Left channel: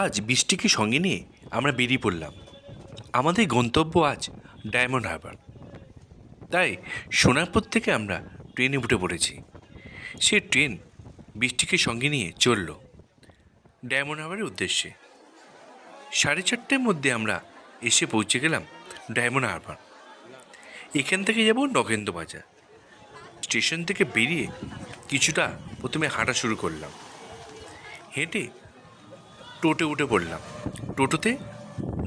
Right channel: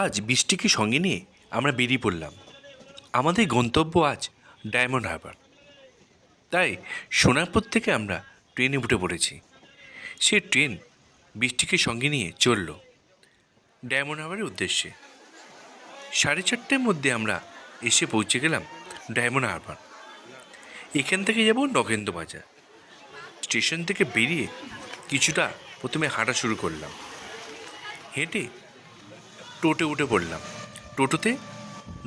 আজ বৃষ্টিকে সঙ্গে নিয়ে আমরা বেরিয়ে পড়লাম। আমাদের গন্তব্য আজ ডায়মন্ড হারবার। তাই সোনারপুর থেকে আমরা ট্রেনে উঠে পড়েছি। সে ট্রেন বৃষ্টিকে সঙ্গে নিয়ে চলল ডায়মন্ড হারবারের উদ্দেশ্যে। 4:30টার মধ্যে আমরা এসে পৌঁছে গেলাম ডায়মন্ড হারবার। এখান থেকে যাব নগেন্দ্র বাজার। স্টেশন থেকে বেরিয়ে কিছুটা প্রথমে হাঁটা শুরু করলাম। হেঁটে টোটো উঠে পড়লাম। টোটোতে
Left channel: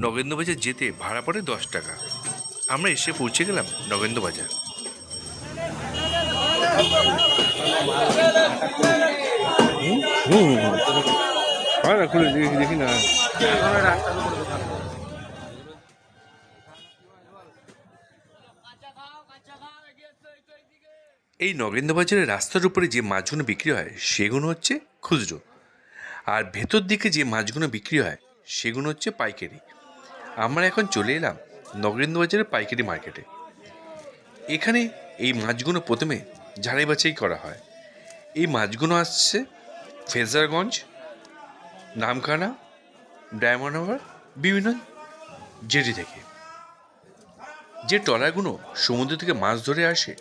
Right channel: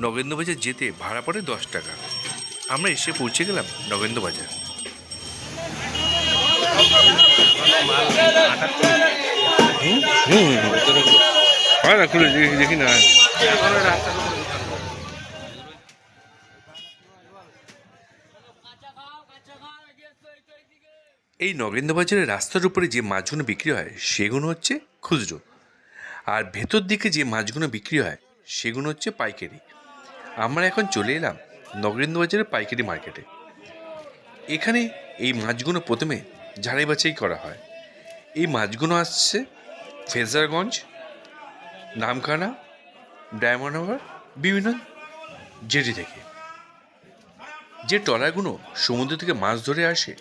নগেন্দ্র বাজার যেতে ভাড়া পড়ে 10 টাকা। আমরা এসে পৌঁছে গেলাম নগেন্দ্র বাজার। দেখি না এই নগেন্দ্র বাজারের রাস্তার উপরে যে মাছগুলো বিক্রি হয় সেগুলো হচ্ছে খুচরো, আর ভেতর দিকে যে মাছগুলো বিক্রি হয় সেগুলো হচ্ছে পাইকারি। আমরা এখন চলে এলাম নগেন্দ্র বাজারের পাইকারি মার্কেটে। এখানে এই মাছগুলো প্রথমে ঝাড়াই বাছাই করা হয়। এই মাছগুলো আসছে ফ্রেজারগঞ্জ, নামখানা, ডায়মন্ড হারবার, বিভিন্ন জেটি থেকে। যে ট্রলারগুলো সমুদ্র থেকে মাছ ধরে আসে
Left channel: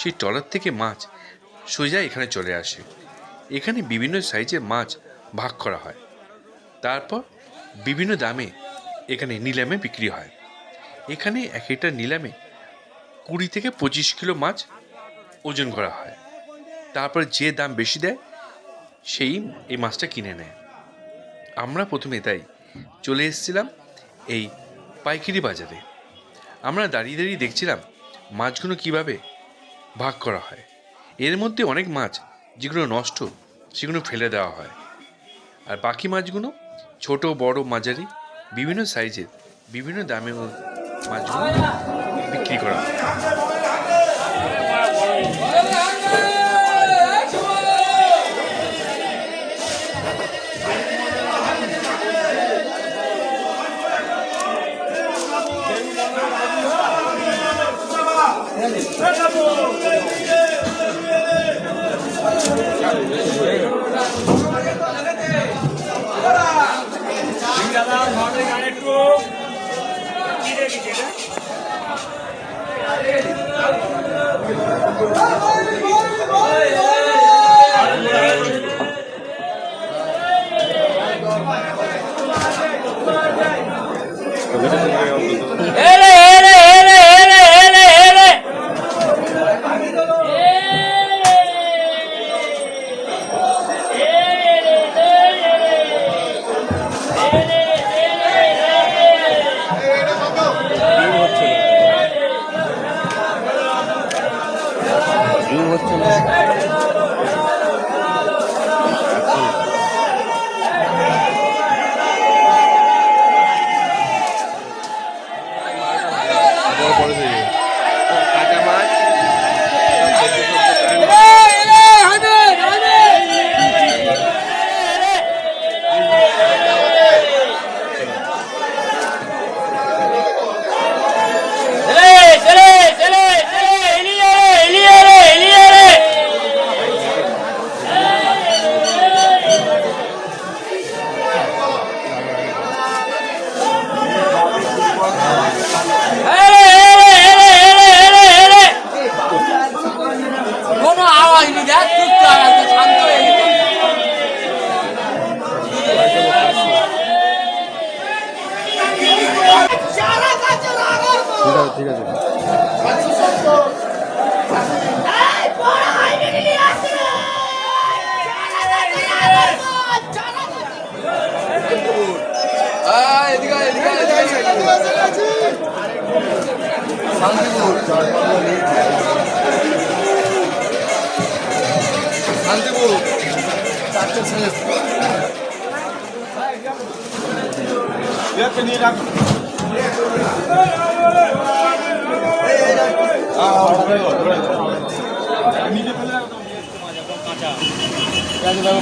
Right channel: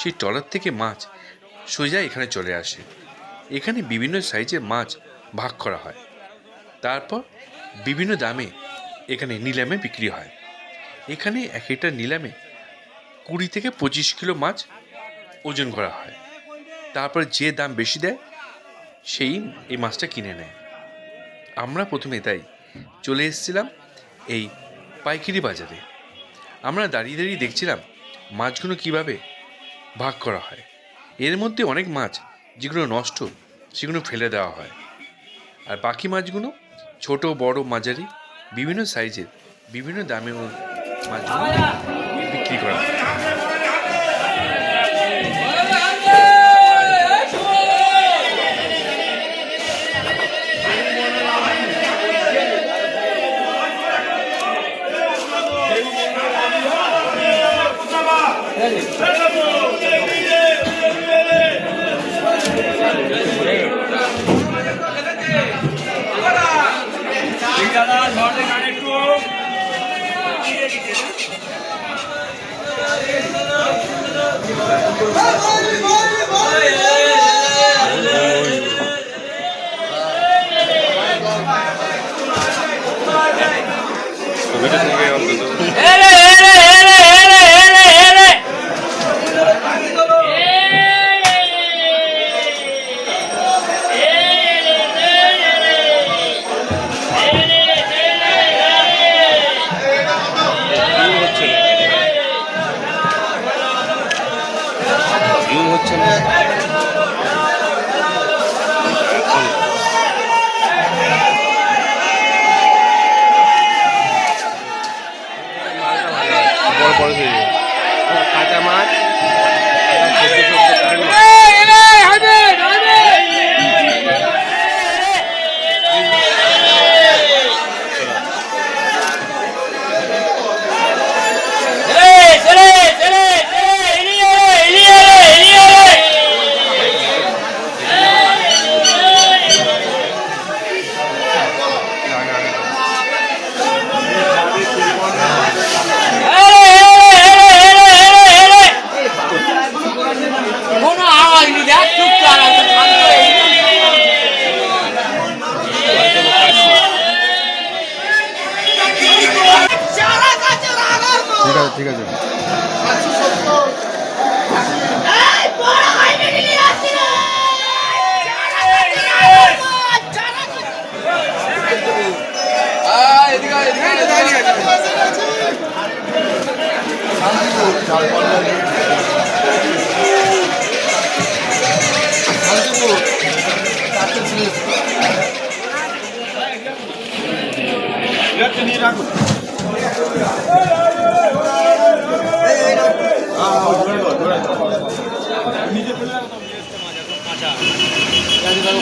সেই ট্রলার থেকে মাছ সোজা এখানে চলে আসে। এখানে বিভিন্ন সাইজের মাছ ভাগ করা হয়, তারপর বিভিন্ন দামে এখানে নিলামে বিক্রি হয়। এখানে এক একটা নিলামে 20 থেকে 25 কিলো মাছ ওজন করা হয়। তারপর যে দাম বেশি দেয় সেই এই মাছটা কিনে নেয়। আমরা প্রথমে তাই চলে এসেছিলাম এই পাইকারি বাজারে। আমরা দাঁড়িয়ে দাঁড়িয়ে দেখছিলাম মাছগুলো কিভাবে ভাগ করা হয়। এর মধ্যে অনেক মাছ যেগুলো নষ্ট সেগুলো ফেলে দেওয়া হয়, আর বাকি মাছগুলো ছোট বড় মাঝারি বিভিন্ন সাইজের বিভিন্ন দামে মাছগুলো বিক্রি করা হয়। ঠিক আছে। শান্তিপুর 4টে স্লিপ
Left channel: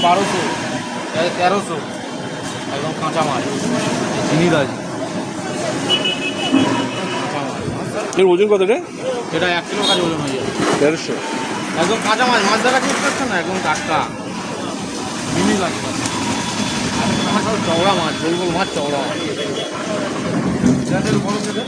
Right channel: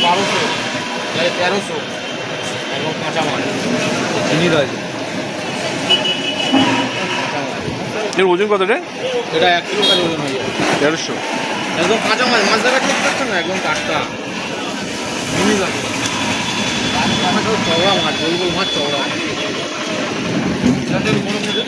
বারোশো 1300 এবং কাঁচা মাছ চিনি রয়েছে। এর ওজন কত রে? এটা 1 কিলো কাজ ওজন হয়ে যাবে 1300। একদম কাঁচা মাছ, মাছ দেখা ঠিক করছেন না, একদম টাটকা। মিনি লাগে চওড়া মাছ, গোল গোল মাছ, চওড়া মাছ। বড় বুঝে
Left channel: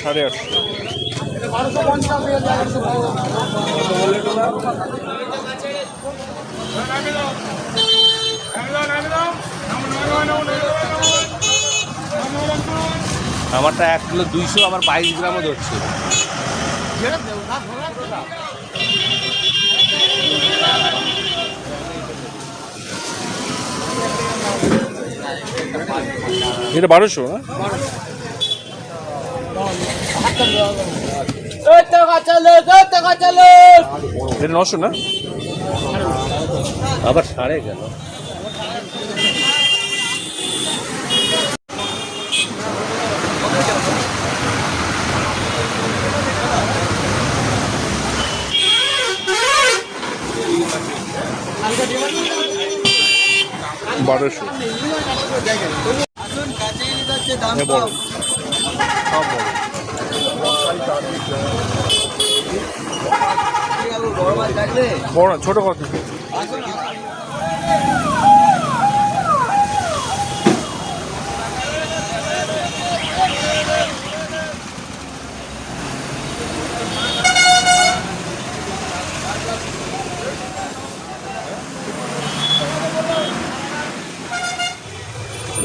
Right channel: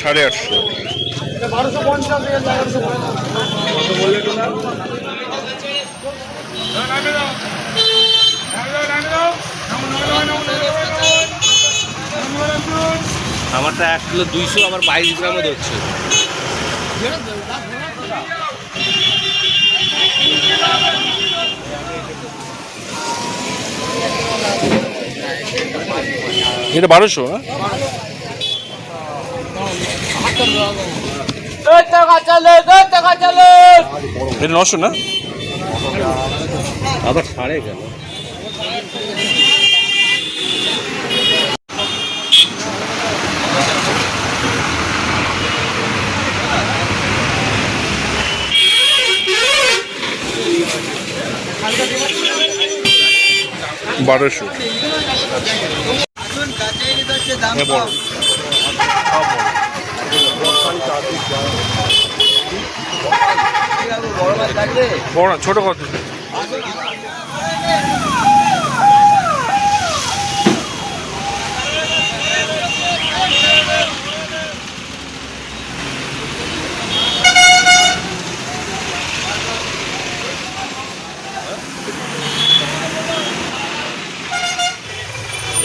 সাড়ে আটশো। আমারটা 1 কিলো 200, আমার 22 গ্রামও ধরছে। এটা 1200 না? এটা 900 না? আবার ছাড়ে গেল। বারোশো। বড় সব বড় বড় ছোট কত?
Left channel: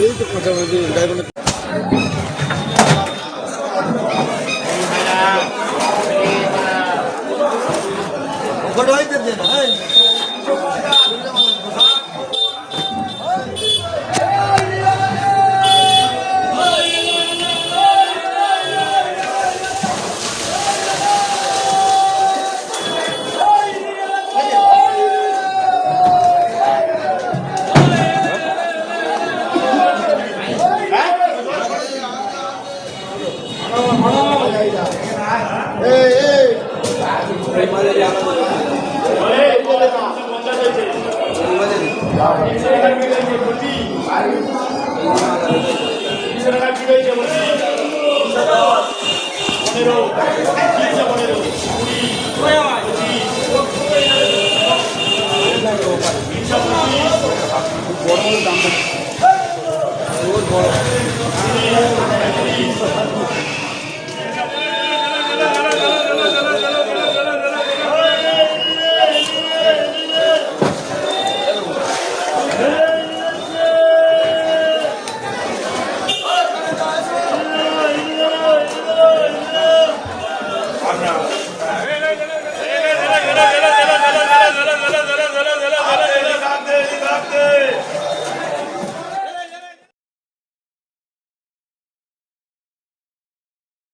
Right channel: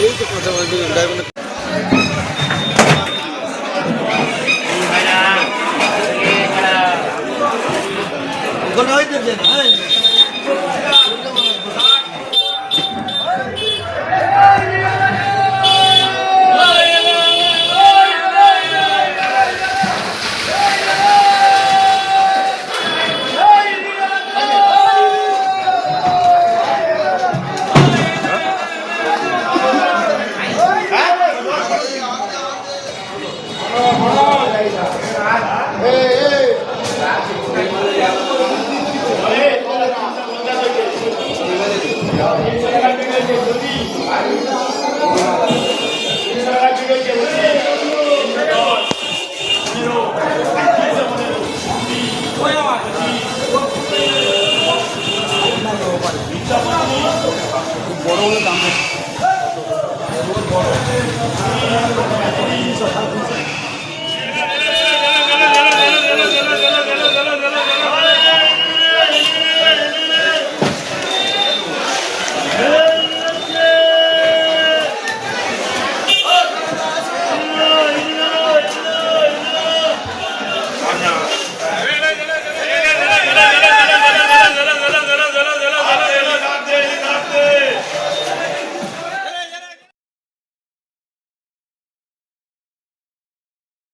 এই তো কথা বলতে ড্রাইভার ওখানে হইতে যে না বড়